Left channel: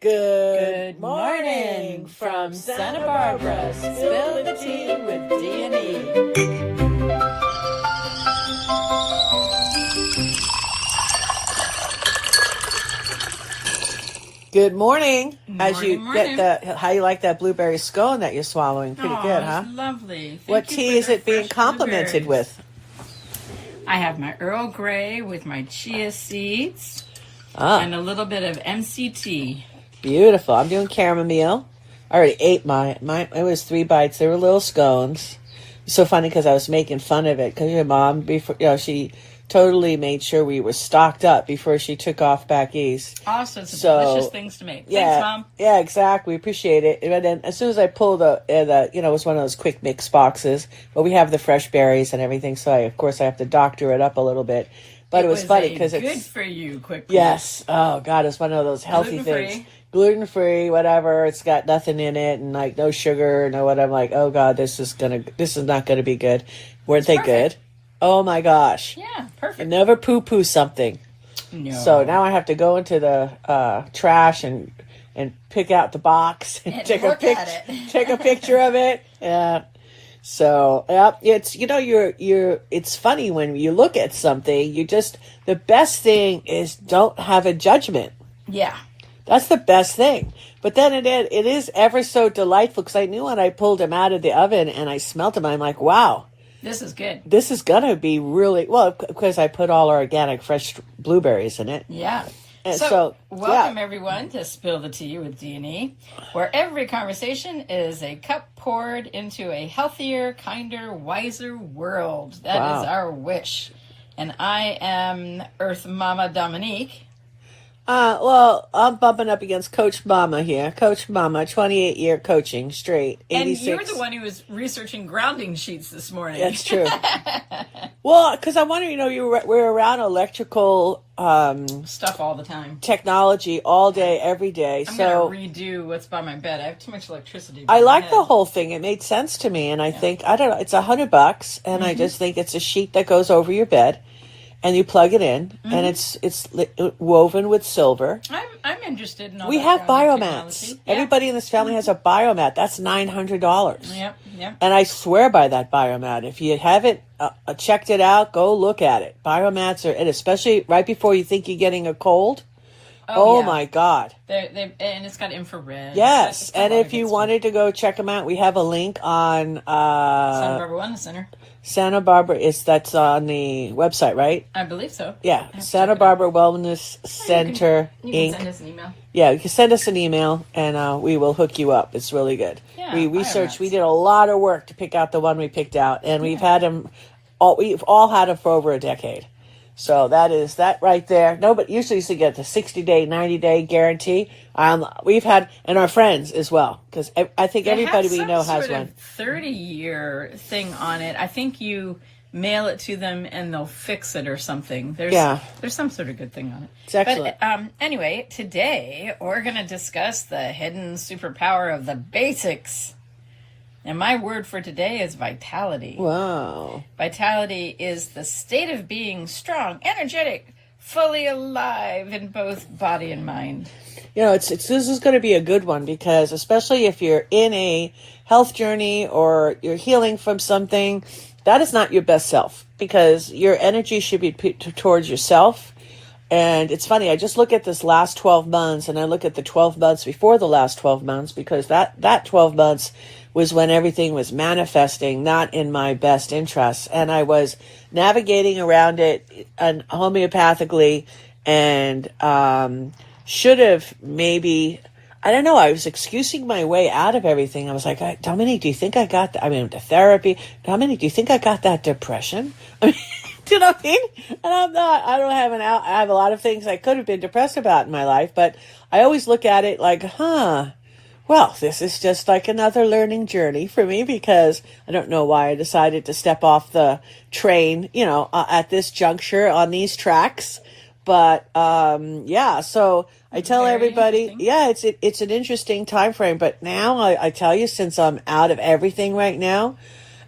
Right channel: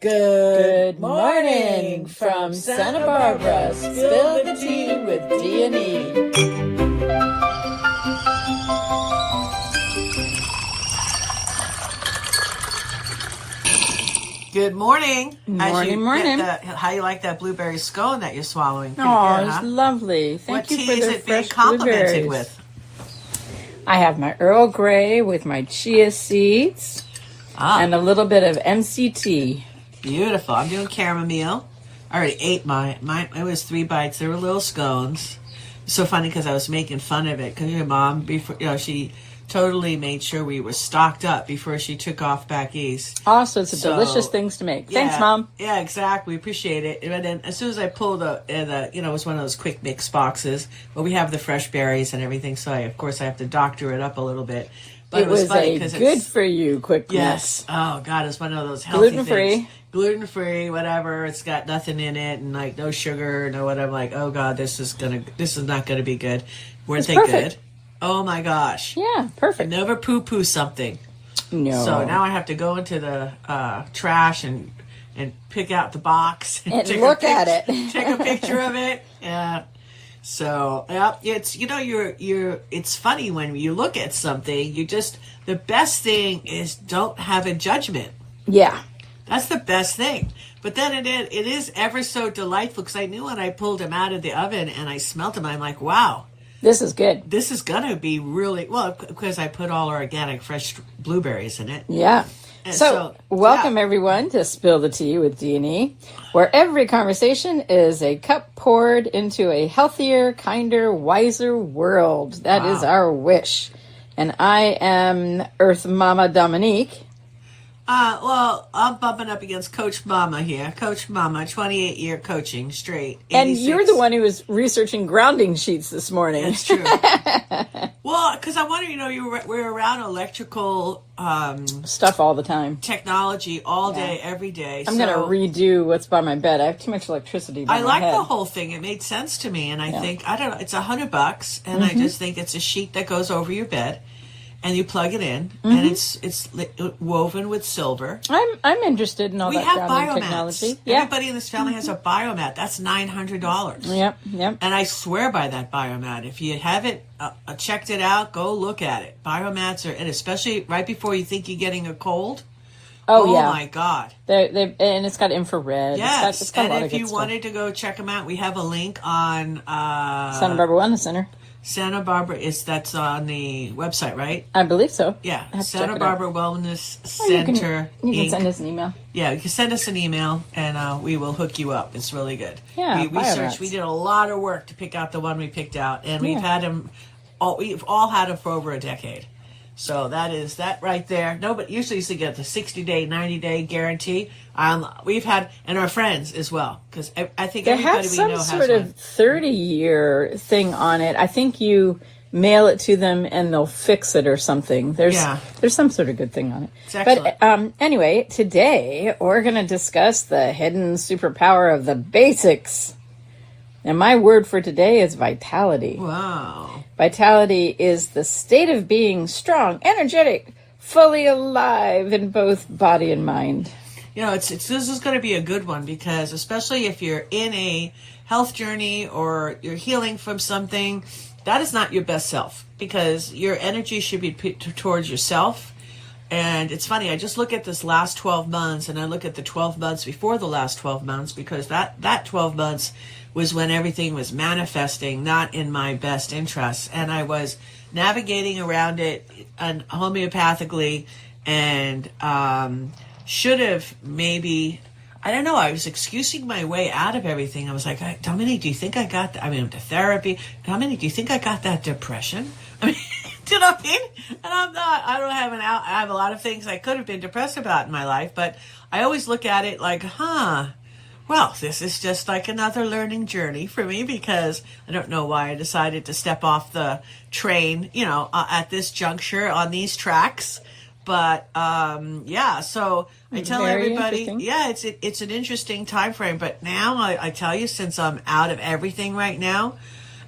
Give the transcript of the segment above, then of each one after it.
Good morning from Santa Barbara. Spill the tea with D&E. Good morning. Morning. How you like that blueberry scone that you're swallowing? Pretty Oh, good, it's huh? lovely. What you tea for is the it being fresh complimented blueberries. with? I have my Earl Grey with my chia seeds and a little bit of MCT. Beautiful. I'm doing chamomile. I already ate mine. It was 3 bites. They were little scones. It's so funny because I was making fun of it because your mom, before she totally made sure we were stocked up before she took off back east. All sorts of delicious things to make. Yeah, Thanks, Mom. Yeah, exactly. We appreciate it. And then as soon as I pulled it was one of those quick mix boxes, but we have the fresh berries and everything. So of course I have to doctor it up a little bit. But it was funny because it's good for you. Quick mix. Yes. Oh God, it's one of those healthy things. Gluten-free, whatever. It's got nothing in it and like no sugar, no what. I'm like, oh God, this is not gonna be good. Weren't they good? Oh my gosh. Yeah, perfect. Never poo-poo something. No. So now I have to go into the trash and pick out the box and look at it. Take a picture of it. Yeah. So it's it's funny when you look at something. The best thing is don't have a judgment. Yeah. That's the best thing. But then it is ever so delightful because I knew when I pulled them out of the oven and I smelt them, I'm like, wow. This is good. This is going to be really, well, because I put all organic fresh blueberries in it. Yeah. And so welcome everyone to Spill the Tea with D&E, where every conversation is a cup poured into a healthier, kinder, wiser world. That is our wish. And I am Earth Mama Dominique. Well, I'm bumping up against Coach Mama here. Coach Mama, 28-year coaching straight. 86. And you're the one who was researching grounding sheets this morning. That's true. Well, because I wonder, we're around electrical stuff all the time. Technology all day, every day. I'm going to redo what's by my bed. I have too much electricity. I like the whole thing. It made sense to me. And I think, I don't know, it's $100. And I just think it's a sheet that goes over your bed. And you plug it in, and it's woven with silver. I'm interested in all that. We have biomats. Technology. Everybody in this family has a biomat. That's $900. Yep. And I swear by that biomat. If you haven't checked it out, go look at it. Biomats are, and especially right before you think you're getting a cold. Oh my God! And it's got infrared. Yes, it's got and if you wanted to go check them out, we have a link on Santa Barbara Wellness Center. Santa Barbara that's on the website, right? I believe so. Yeah, Santa Barbara Wellness Center. You can send us an email. Yeah, you can send us an email, and we will hook you up. It's really good. Yeah, we researched. We did a lot of work to pick out the one we picked out, and we've had them. We've all had them for over a decade. So that right there. No, but usually you get the 60-day, 90-day guarantee. We've had, and our friends as well, because I think everybody we know has one. They have some sort of 30-year thing on it. I think you mail it to them and they'll fix it or something. There's some sort of good thing on it. It's excellent. But anyway, today we're going to discuss the hidden superpower of the basics. And my word for today is vitality. Wow. Vitality is the state of being strong, energetic, fully alive in both body and mind. This is going to be a good one because especially if you're in a health journey or you're healing from something, that is not your best self because your energy should be put towards yourself. And it's funny, I just look at this last 12 months and I look at the 12 months before the last 12 months because that 12 months was when everything was manifesting, not in my best interests. And I was navigating around it homeopathically and should have maybe, I don't know, I was excusing my way out of everything. I was like, Dominique, do you think I got that? I mean, to therapy. Dominique, do you think I got that depression? I mean, do you know what I mean? And I'm not, I don't have I have a lot of things I could have been depressed about in my life, but I always look at it like, well, this is just like another learning journey for me because I don't know why I decided to step off the train, at this juncture on these tracks. But, so I tell everybody, it's an interesting time frame. But now I tell you, since I'm out of everything right now,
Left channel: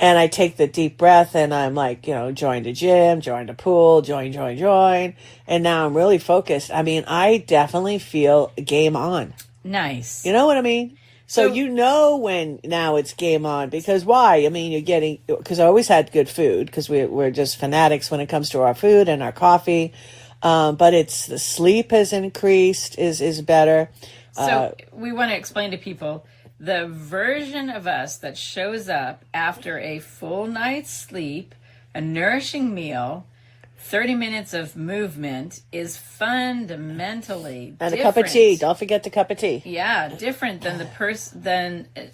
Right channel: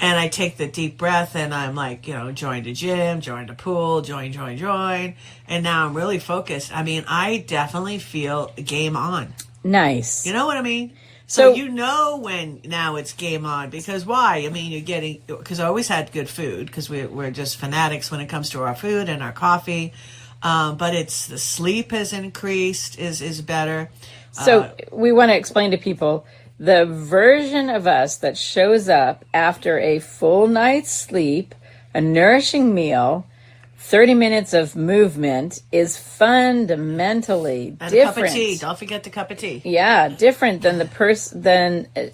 and I take the deep breath and I'm like, join the gym, join the pool, join. And now I'm really focused. I mean, I definitely feel game on. Nice. You know what I mean? So you know when now it's game on, because why? I mean, because I always had good food, because we're just fanatics when it comes to our food and our coffee. But it's the sleep has increased, is better. So we want to explain to people the version of us that shows up after a full night's sleep, a nourishing meal, 30 minutes of movement is fundamentally and different. A cup of tea. Don't forget the cup of tea. Yeah, different than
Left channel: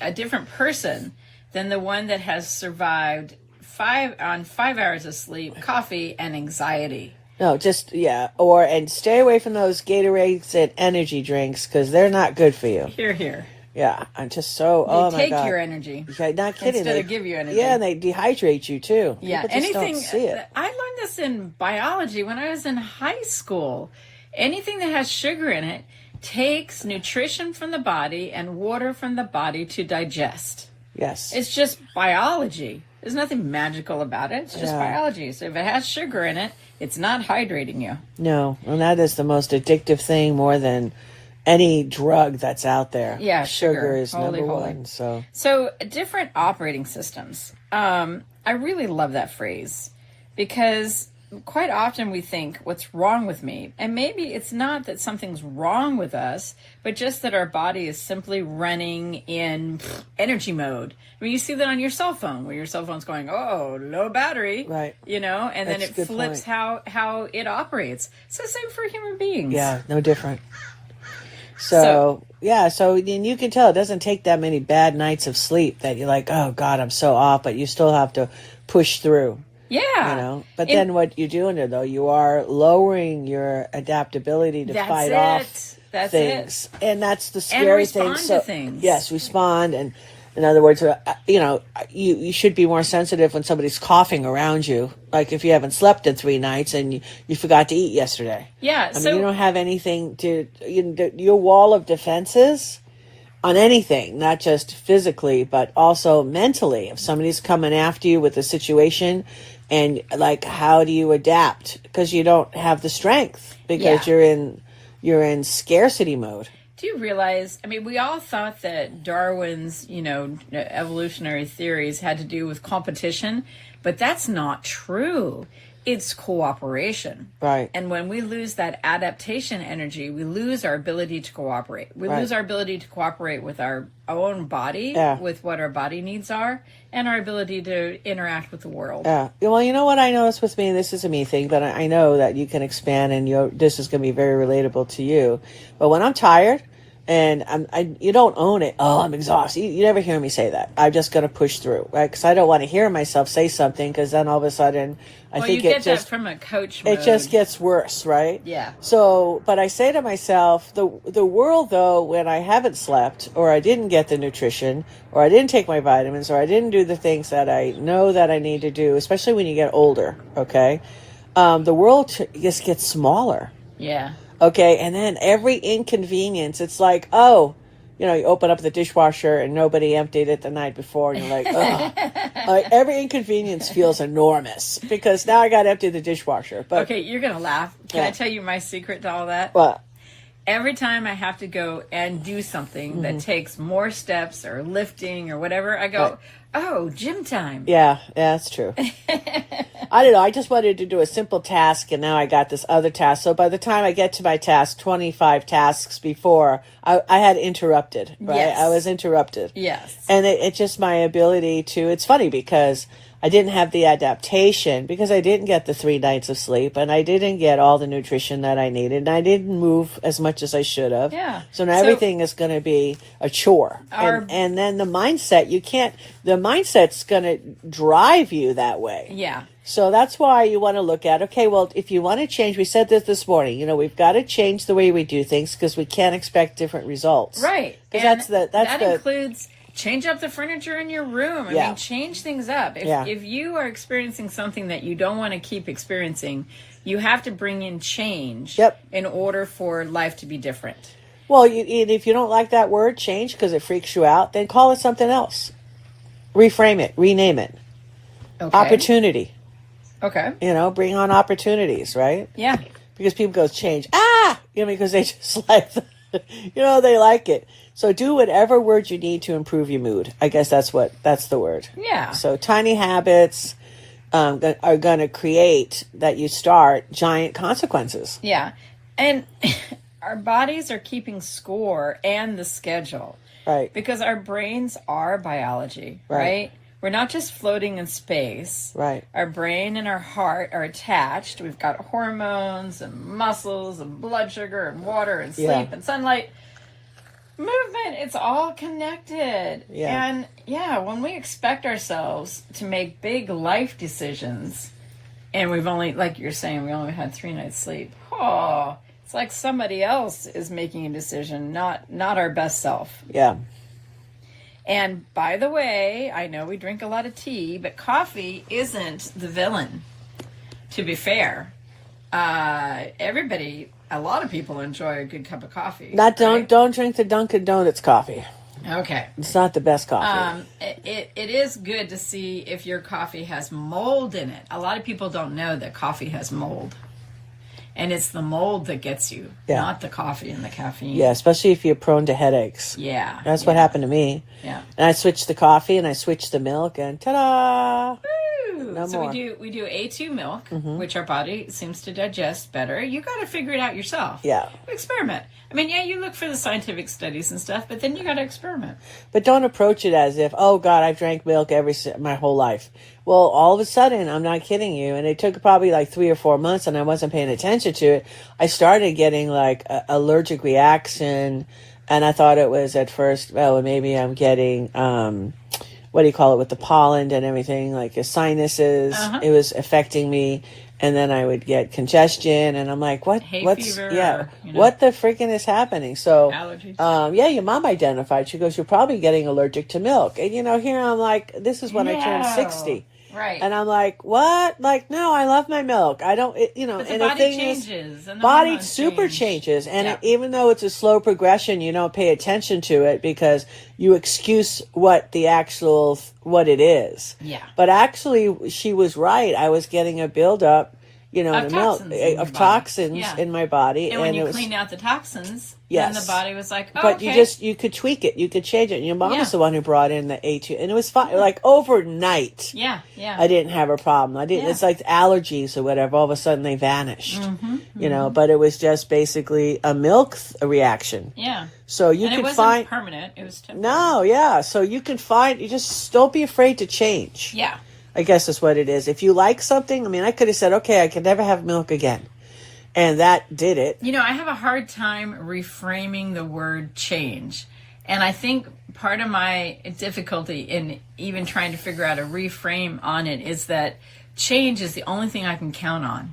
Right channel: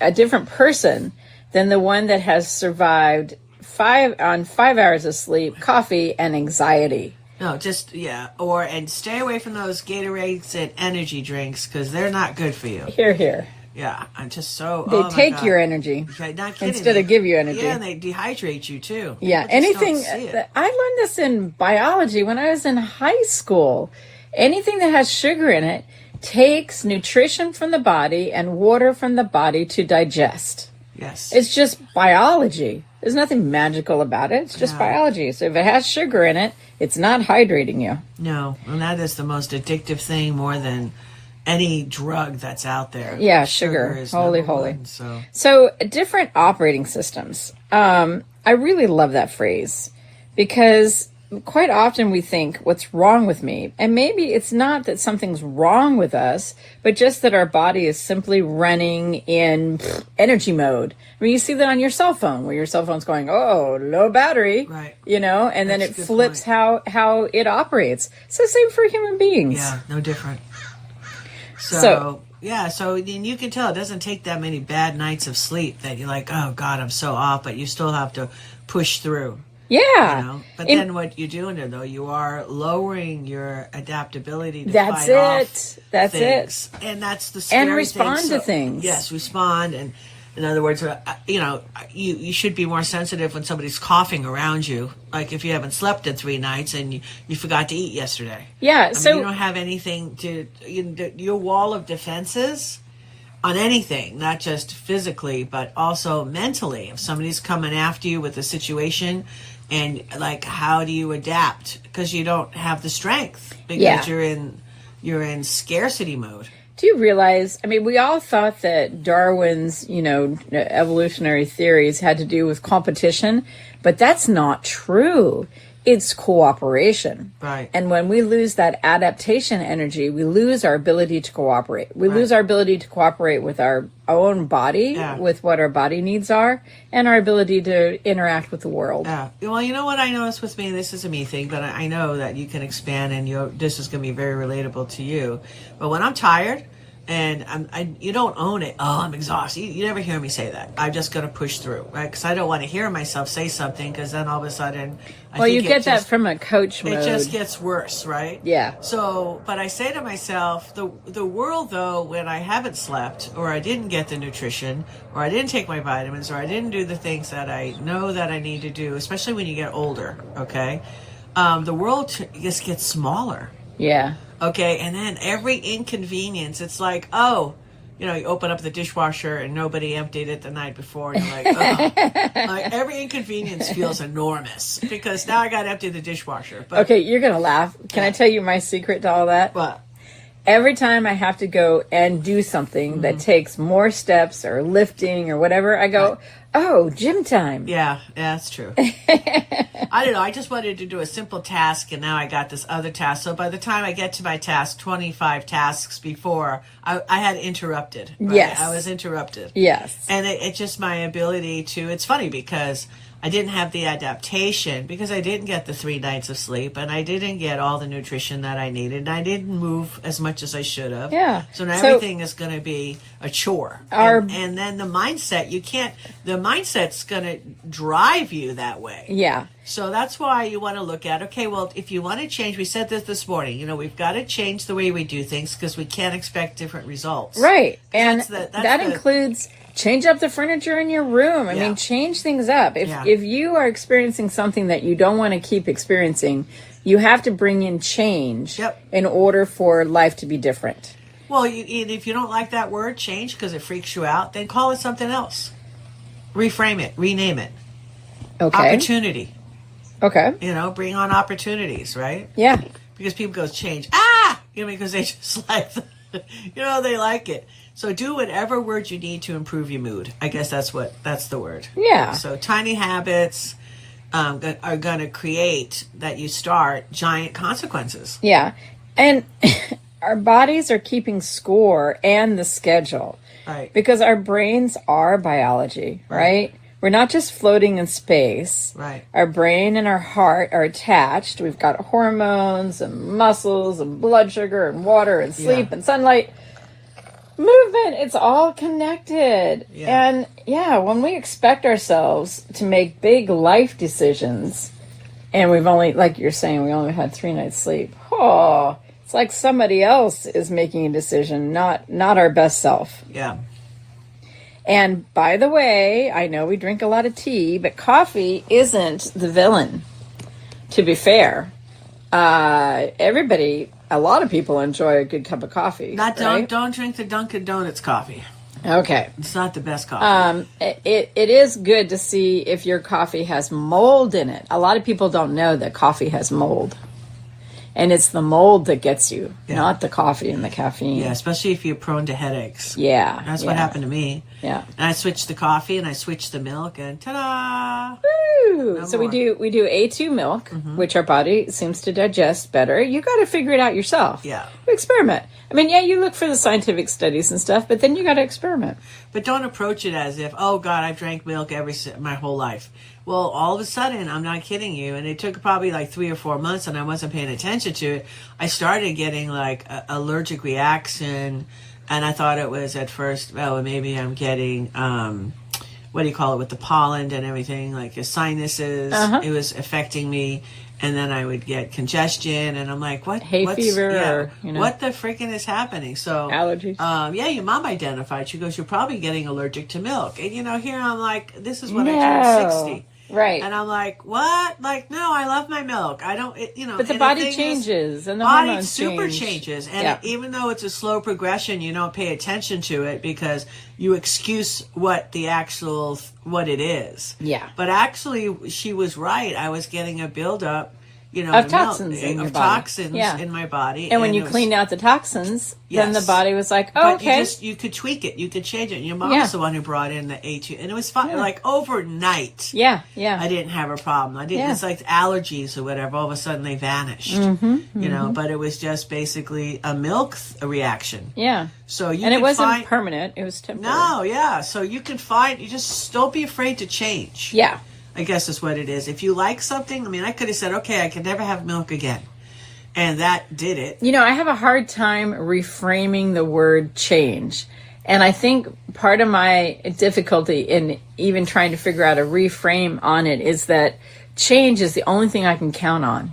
a different person than the one that has survived 5 hours of sleep, coffee, and anxiety. No, and stay away from those Gatorades and energy drinks, because they're not good for you. Here. Yeah, I'm just so. They take your energy. Right, not kidding. Instead of give you energy. Yeah, and they dehydrate you too. Yeah, People just don't see it. I learned this in biology when I was in high school. Anything that has sugar in it takes nutrition from the body and water from the body to digest. Yes. It's just biology. There's nothing magical about it. It's just biology. So if it has sugar in it, it's not hydrating you. No, and that is the most addictive thing, more than any drug that's out there. Yeah, sugar is holy. one, so different operating systems. I really love that phrase, because quite often we think, what's wrong with me? And maybe it's not that something's wrong with us, but just that our body is simply running in energy mode. I mean, you see that on your cell phone, where your cell phone's going, oh, low battery, right? And then it flips how it operates. It's the same for human beings. Yeah, no different. So then you can tell it doesn't take that many bad nights of sleep that you're like, oh God, I'm so off, but you still have to push through. Yeah. But then what you're doing there, though, you are lowering your adaptability to fight off That's things. it. And that's the scary thing. And respond to things. Yes, respond. And in other words, you should be more sensitive when somebody's coughing around you. Like if you haven't slept in 3 nights and you forgot to eat yesterday. Yeah. I mean, you don't have anything your wall of defenses on anything, not just physically, but also mentally. If somebody's coming after you with a situation, and like, how do you adapt? Because you don't have the strength, because you're in scarcity mode. Do you realize, I mean, we all thought that Darwin's, evolutionary theories had to do with competition, but that's not true. It's cooperation. Right. And when we lose that adaptation energy, we lose our ability to cooperate. We lose our ability to cooperate with our own body, with what our body needs are, and our ability to interact with the world. Yeah. Well, you know what I noticed with me, this is a me thing, but I know that you can expand, and this is going to be very relatable to you. But when I'm tired, and you don't own it. Oh, I'm exhausted. You never hear me say that. I'm just going to push through, right? Because I don't want to hear myself say something, because then all of a sudden, I think you get that from a coach mode. It just gets worse, right? Yeah. So, but I say to myself, the world, though, when I haven't slept, or I didn't get the nutrition, or I didn't take my vitamins, or I didn't do the things that I know that I need to do, especially when you get older, okay? The world just gets smaller. Yeah. Okay, and then every inconvenience, it's like, oh, you open up the dishwasher and nobody emptied it the night before, and you're like, oh. Like, every inconvenience feels enormous, because now I got to empty the dishwasher. But, okay, you're going to laugh. Can I tell you my secret to all that? What? Every time I have to go and do something that takes more steps or lifting or whatever, I go, oh, gym time. Yeah, that's true. I don't know. I just wanted to do a simple task, and now I got this other task. So by the time I get to my task, 25 tasks before, I had interrupted. Right? Yes. I was interrupted. Yes. And it's just my ability to, it's funny because I didn't have the adaptation, because I didn't get the 3 nights of sleep, and I didn't get all the nutrition that I needed, and I didn't move as much as I should have. Yeah. So now everything is going to be a chore. And then the mindset, the mindset's going to drive you that way. Yeah. So that's why you want to look at, okay, well, if you want to change, we said this morning, we've got to change the way we do things, because we can't expect different results. Right. And that includes change up the furniture in your room. I mean, change things up. If you are experiencing something that you don't want to keep experiencing, you have to bring in change in order for life to be different. Well, if you don't like that word, change, because it freaks you out, then call it something else. Reframe it. Rename it. Okay. Opportunity. Okay. Bring on opportunities, right? Yeah. Because people go, change. Because they just like They like it. So do whatever word you need to improve your mood. I guess that's the word. Yeah. So tiny habits are going to create that you start giant consequences. Yeah. And our bodies are keeping score and the schedule. Right. Because our brains are biology, right? We're not just floating in space. Right. Our brain and our heart are attached. We've got hormones and muscles and blood sugar and water and sleep and sunlight. Movement, it's all connected. Yeah. And when we expect ourselves to make big life decisions, and we've only, like you're saying, we only had 3 nights sleep. Oh, it's like somebody else is making a decision, not our best self. Yeah. And by the way, I know we drink a lot of tea, but coffee isn't the villain, to be fair. A lot of people enjoy a good cup of coffee. Don't drink the Dunkin' Donuts coffee. Okay. It's not the best coffee. It is good to see if your coffee has mold in it. A lot of people don't know that coffee has mold. And it's the mold that gets you, not the coffee and the caffeine. Yeah, especially if you're prone to headaches. Yeah. That's what happened to me. Yeah. And I switched the coffee and I switched the milk and ta-da! Woo! So we do A2 milk, which our body seems to digest better. You got to figure it out yourself. Yeah. You experiment. I mean, you look for the scientific studies and stuff, but then you got to experiment. But don't approach it as if, oh God, I've drank milk my whole life. Well, all of a sudden, I'm not kidding you, and it took probably like 3 or 4 months, and I wasn't paying attention to it. I started getting like allergic reaction, and I thought it was at first, well, maybe I'm getting, what do you call it, with the pollen and everything, like sinuses. It was affecting me, and then I would get congestion, and I'm like, what? Hay fever. Or, what the freaking is happening? So allergies. Your mom identified. She goes, you're probably getting allergic to milk, and here I'm like, this is when I turned 60. Right. And I'm like, what? Like, no, I love my milk. I don't, But the body changes. And the body super changes. And even though it's a slow progression, you don't pay attention to it because you excuse what it is. Yeah. But actually, she was right. I was getting a buildup, of toxins, in my body. And when you cleaned out the toxins, then the body was like, oh, but okay. you could tweak it. You could change it. And your mom was the one who brought in the A2. And it was fine. Like overnight. Yeah. I didn't have a problem. It's like allergies or whatever. All of a sudden they vanished, but it was just basically a milk reaction. Yeah. So you and can it wasn't permanent. It was temporary. No, yeah. So you just don't be afraid to change. Yeah. I guess that's what it is. If you like something, I mean, I could have said, okay, I could never have milk again. And that did it. I have a hard time reframing the word change. And I think part of my difficulty in even trying to figure out a reframe on it is that change is the only thing I can count on.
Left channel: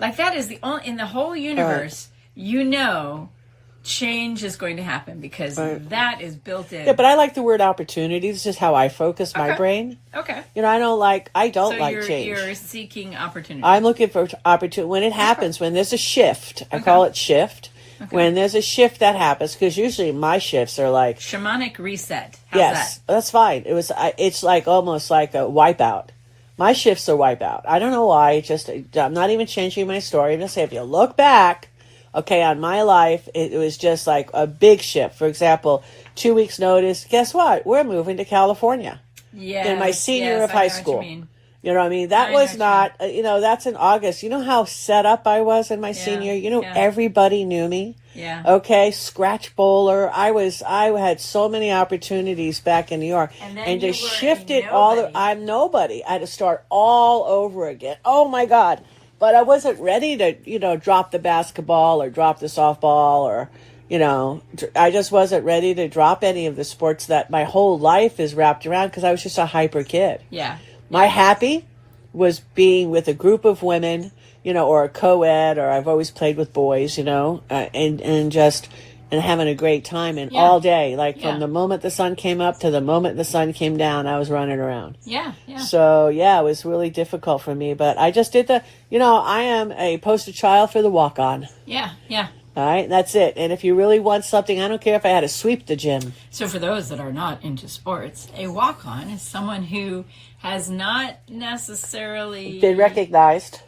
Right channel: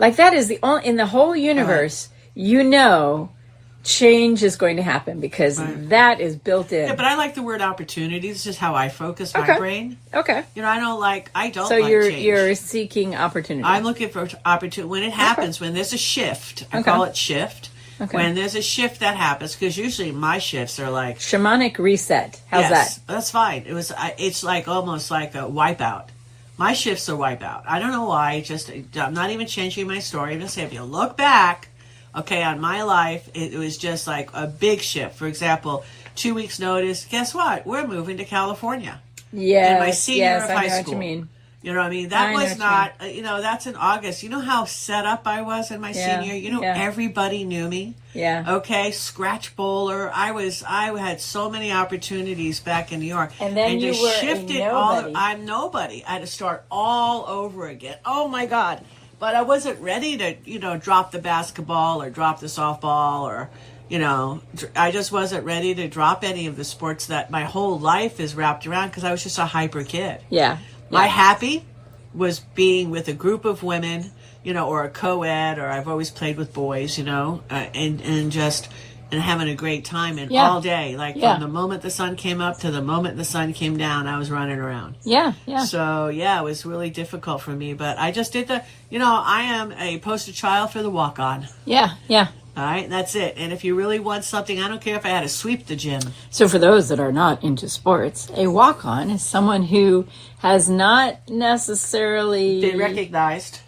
Like that is the only, in the whole universe, change is going to happen because that is built in. Yeah, but I like the word opportunity. This is how I focus my brain. Okay. I don't like change. So you're seeking opportunity. I'm looking for opportunity. When it happens, when there's a shift, I call it shift. Okay. When there's a shift that happens, because usually my shifts are like... Shamanic reset. How's that? That's fine. It's like almost like a wipeout. My shifts are wipeout. I don't know why. I'm not even changing my story. I'm going to say, if you look back... Okay, on my life, it was just like a big shift. For example, 2 weeks notice, guess what? We're moving to California. Yeah. In my senior year of high school. What you mean. You know what I mean? That was not, that's in August. You know how set up I was in my senior year? Everybody knew me. Yeah. Okay, scratch bowler. I had so many opportunities back in New York. And then you just were shifted I'm nobody. I had to start all over again. Oh my God. But I wasn't ready to, drop the basketball or drop the softball or, I just wasn't ready to drop any of the sports that my whole life is wrapped around because I was just a hyper kid. Yeah. My happy was being with a group of women, or a co-ed, or I've always played with boys, and having a great time all day. Like from the moment the sun came up to the moment the sun came down, I was running around. Yeah. So, it was really difficult for me. But I just did I am a poster child for the walk-on. Yeah. All right, that's it. And if you really want something, I don't care if I had to sweep the gym. So for those that are not into sports, a walk-on is someone who has not necessarily Been recognized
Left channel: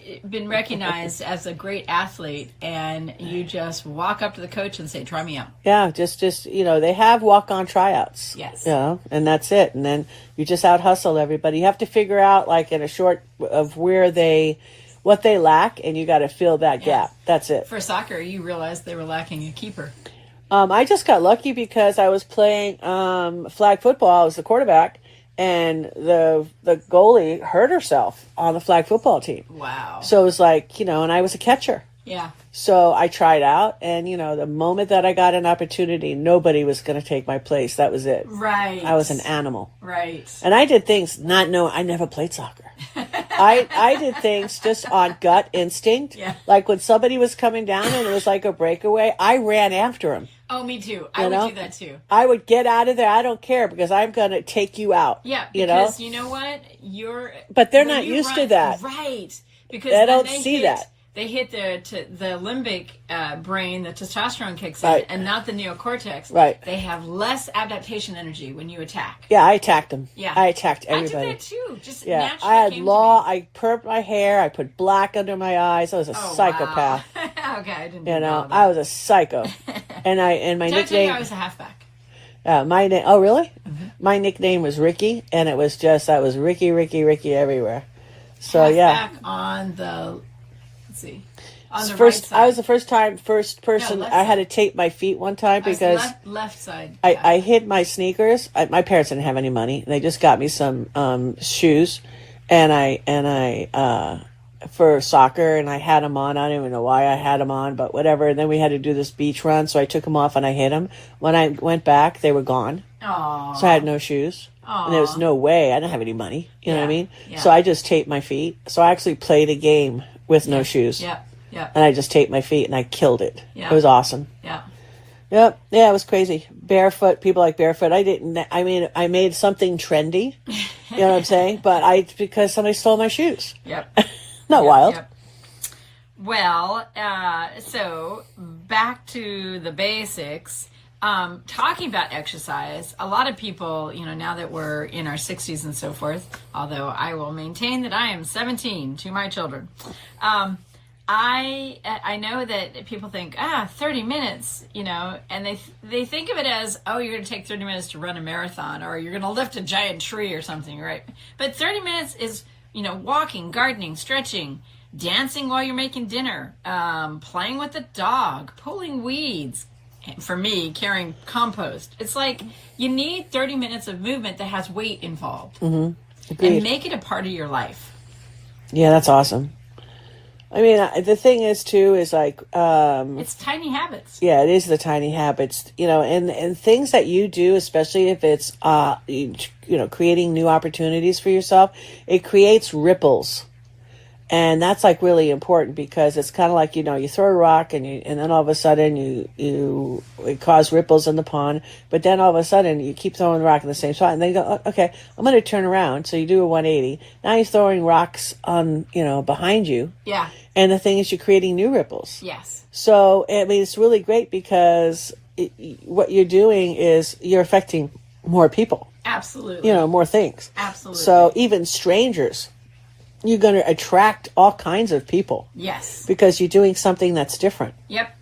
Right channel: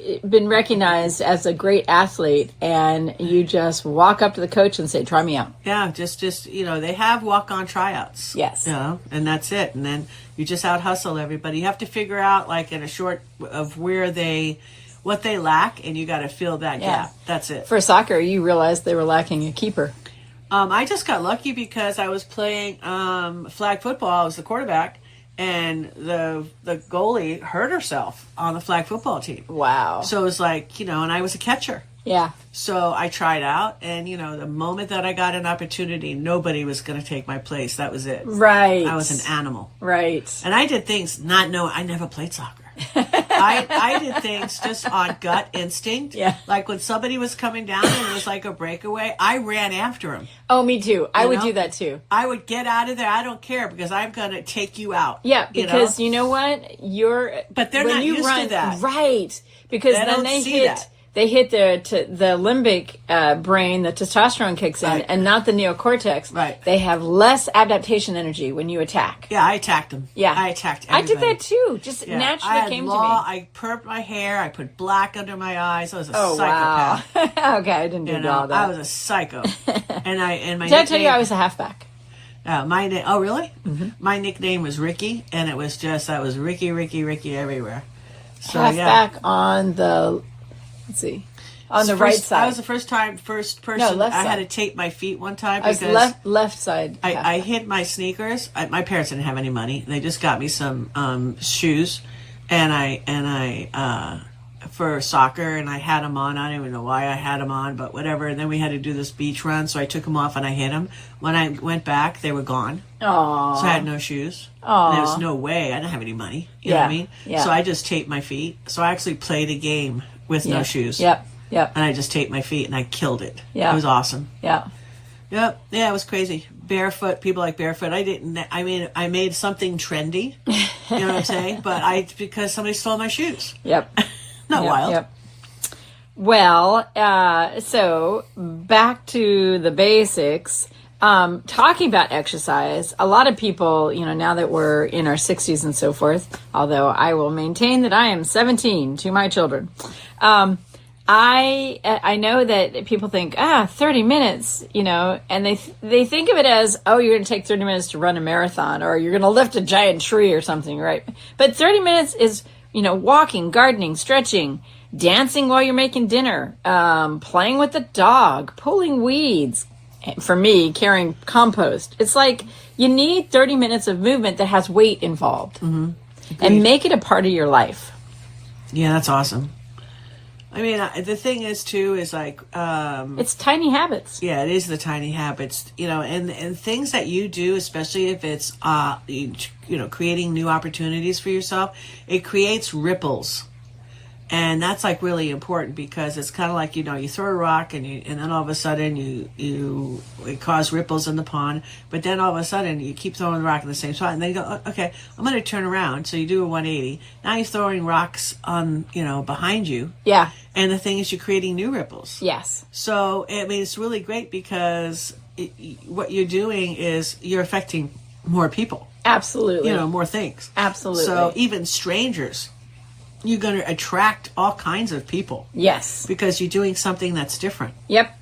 as a great athlete, and you just walk up to the coach and say, try me out. Yeah, just they have walk-on tryouts. Yes. And that's it. And then you just out-hustle everybody. You have to figure out, like, in a short of what they lack, and you got to fill that gap. That's it. For soccer, you realized they were lacking a keeper. I just got lucky because I was playing flag football. I was the quarterback, and the goalie hurt herself on the flag football team. Wow. So it was like, and I was a catcher. Yeah. So I tried out, and, the moment that I got an opportunity, nobody was going to take my place. That was it. Right. I was an animal. Right. And I did things not knowing. I never played soccer. I did things just on gut instinct. Yeah. Like when somebody was coming down and it was like a breakaway, I ran after him. Oh, me too. I would do that too. I would get out of there. I don't care because I'm going to take you out. Yeah, because you know what? But they're not used to that. Right. Because then they hit the limbic brain, the testosterone kicks in, and not the neocortex. Right. They have less adaptation energy when you attack. Yeah, I attacked them. Yeah. I attacked everybody. I did that too. Just naturally I had came I perked my hair. I put black under my eyes. I was a psychopath. Wow. Okay, I didn't do all that. I was a psycho. And my Did nickname, I tell you I was a halfback? my name. Oh, really? Mm-hmm. My nickname was Ricky, and it was Ricky everywhere. So halfback on the. Let's see. On the right side. I was the first person. I had to tape my feet one time because left side. I hid my sneakers. My parents didn't have any money. They just got me some shoes, and I for soccer, and I had them on. I don't even know why I had them on, but whatever. And then we had to do this beach run, so I took them off and I hid them. When I went back, they were gone. Aww. So I had no shoes. Aww. And there was no way. I didn't have any money. You know what I mean? Yeah. So I just taped my feet. So I actually played a game with no shoes. Yep. Yeah. And I just taped my feet and I killed it. Yeah. It was awesome. Yeah. Yep. Yeah, it was crazy. Barefoot, people like barefoot. I made something trendy. You know what I'm saying? But because somebody stole my shoes. Yep. Not wild. Yep. Well, so back to the basics. Talking about exercise, a lot of people, now that we're in our 60s and so forth, although I will maintain that I am 17 to my children, I know that people think 30 minutes, and they think of it as, oh, you're going to take 30 minutes to run a marathon, or you're going to lift a giant tree or something, right? But 30 minutes is walking, gardening, stretching, dancing while you're making dinner, playing with the dog, pulling weeds. For me, carrying compost. It's like you need 30 minutes of movement that has weight involved. Mm-hmm. And make it a part of your life. Yeah, that's awesome. I mean, the thing is, too, is like... it's tiny habits. Yeah, it is the tiny habits, and things that you do, especially if it's, creating new opportunities for yourself, it creates ripples. And that's like really important because it's kind of like, you throw a rock and then all of a sudden it causes ripples in the pond. But then all of a sudden you keep throwing the rock in the same spot and then you go, oh, okay, I'm going to turn around. So you do a 180. Now you're throwing rocks on, behind you. Yeah. And the thing is you're creating new ripples. Yes. So, I mean, it's really great because what you're doing is you're affecting more people. Absolutely. More things. Absolutely. So even strangers, you're going to attract all kinds of people. Yes. Because you're doing something that's different. Yep.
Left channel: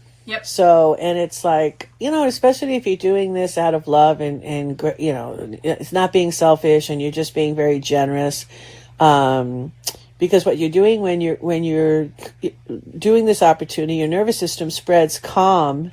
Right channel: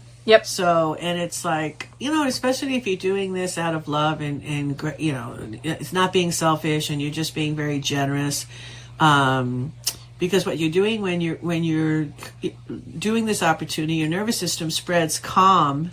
So, and it's like, especially if you're doing this out of love and it's not being selfish and you're just being very generous. Because what you're doing when you're doing this opportunity, your nervous system spreads calm,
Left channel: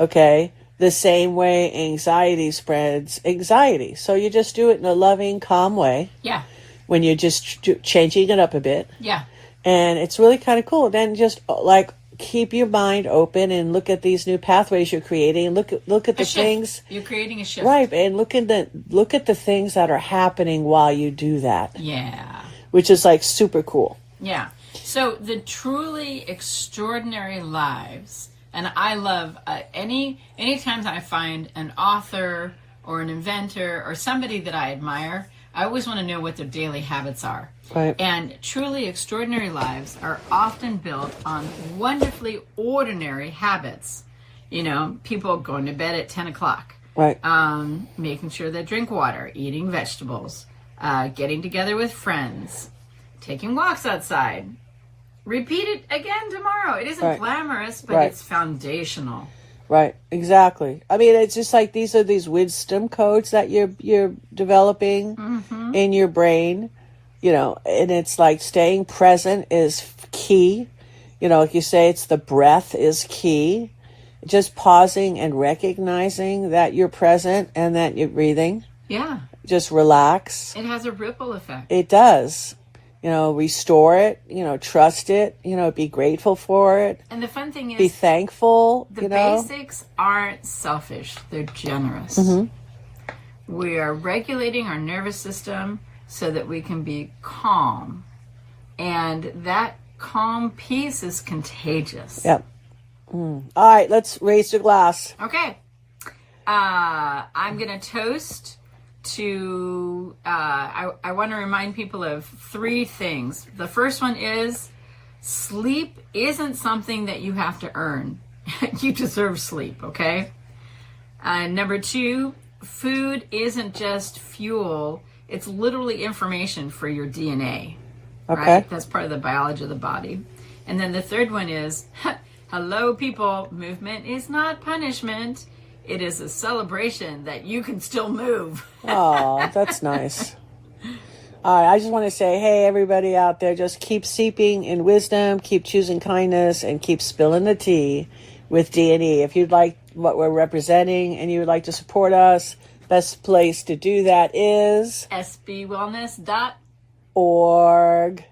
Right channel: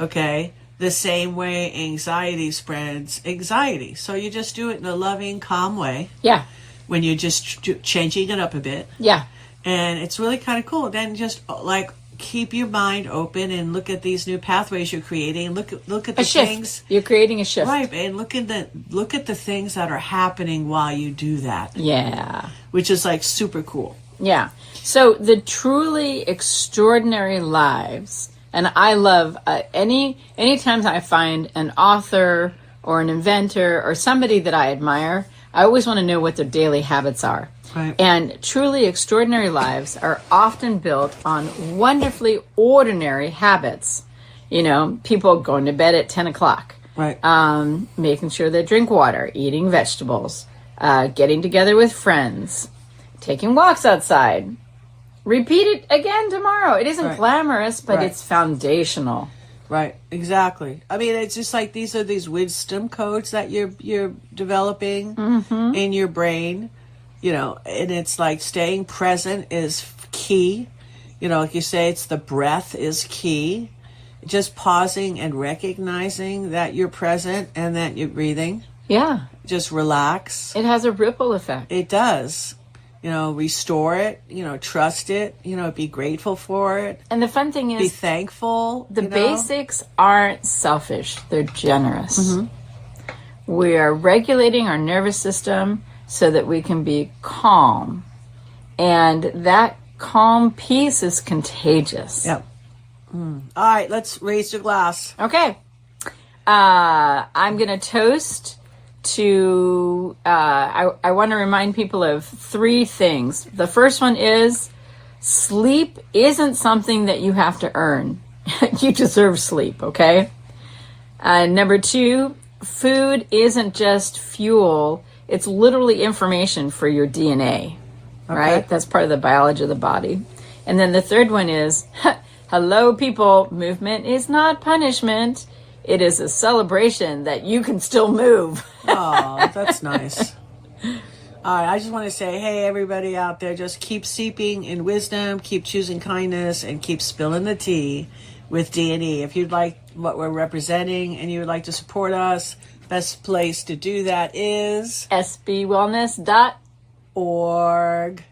okay, the same way anxiety spreads anxiety. So you just do it in a loving, calm way. Yeah. When you're just changing it up a bit. Yeah. And it's really kind of cool. Then just like keep your mind open and look at these new pathways you're creating. Look at the things you're creating a shift. Right. And look at the things that are happening while you do that. Yeah. Which is like super cool. Yeah. So the truly extraordinary lives, and I love anytime I find an author or an inventor or somebody that I admire, I always want to know what their daily habits are. Right. And truly extraordinary lives are often built on wonderfully ordinary habits. You know, people going to bed at 10 o'clock. Right. Making sure they drink water, eating vegetables, getting together with friends, taking walks outside. Repeat it again tomorrow. It isn't glamorous, but it's foundational. Right, exactly. I mean, it's just like these are these wisdom codes that you're developing in your brain, you know, and it's like staying present is key. You know, like you say, it's the breath is key. Just pausing and recognizing that you're present and that you're breathing. Yeah. Just relax. It has a ripple effect. It does. You know, restore it, you know, trust it, you know, be grateful for it. And the fun thing is, be thankful. The basics aren't selfish, they're generous. We are regulating our nervous system so that we can be calm. And that calm peace is contagious. Yep. All right, let's raise your glass. Okay. I'm going to toast to, I want to remind people of 3 things. The first one is sleep isn't something that you have to earn. You deserve sleep, okay? Number 2, food isn't just fuel. It's literally information for your DNA, right? That's part of the biology of the body. And then the third one is, hello, people, movement is not punishment. It is a celebration that you can still move. Oh, that's nice. All right, I just want to say, hey, everybody out there, just keep seeping in wisdom, keep choosing kindness, and keep spilling the tea with D&E. If you'd like what we're representing and you would like to support us, best place to do that is sbwellness.org.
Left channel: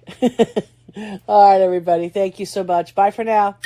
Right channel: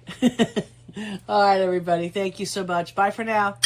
All right, everybody, thank you so much. Bye for now.